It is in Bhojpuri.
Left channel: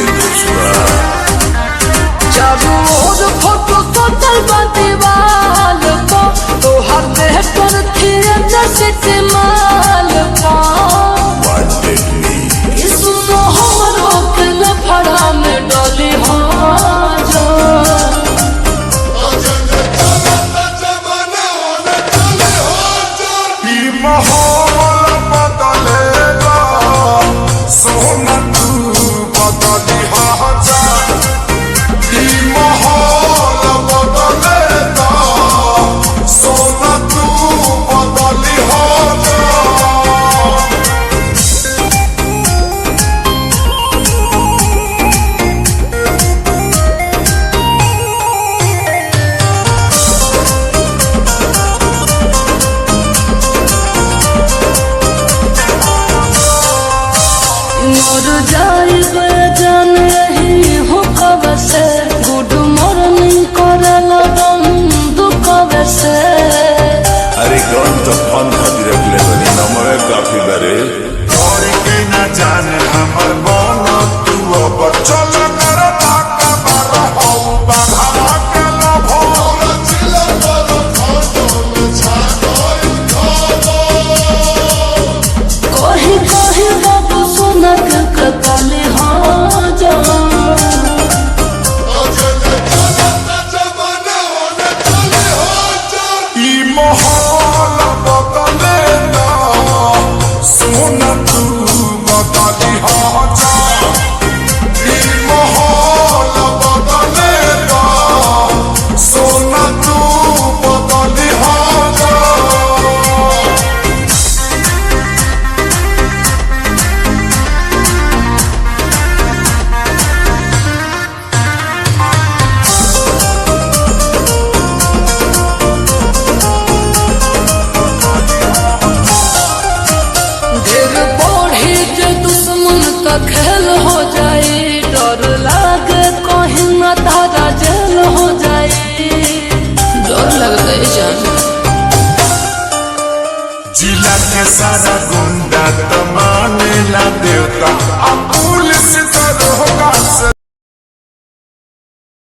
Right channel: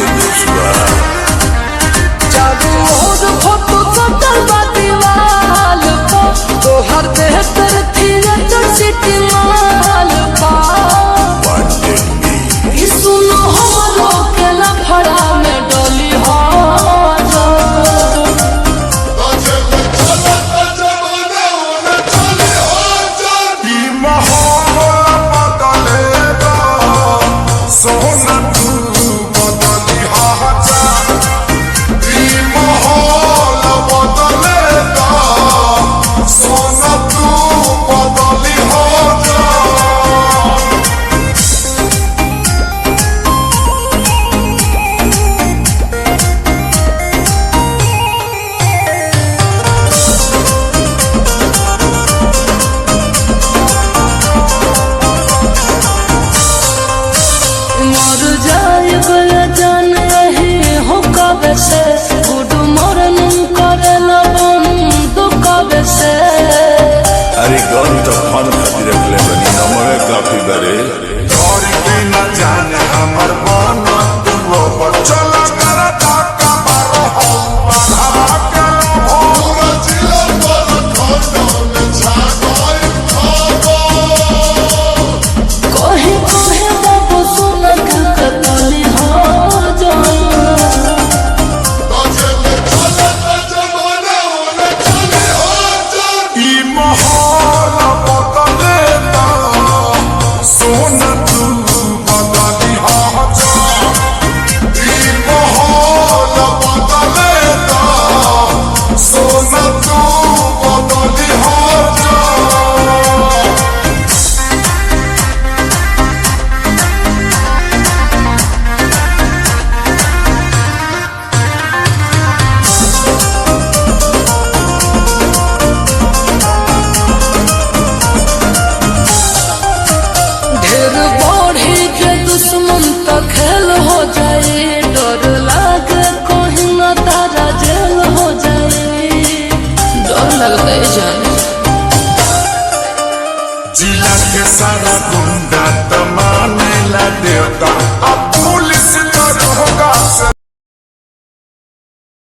के दोस्त बा। सोना तू बदली जा माहौल बदले दा सोना तू बदली जा। अरे गन तो फन खातिर रखले बनी नमवे काफी बारे और की न जाने हमर मन तू अब चल कर ताका मार हो बाघवा के लोभो कहे कहे बाबू सोना के कतली हाँ जा माहौल बदले दा सोना तू बदली जा माहौल बदले दा सोना तू बदली जा। लगता है जान जिला के सारा गुंडा तो मानेला देवता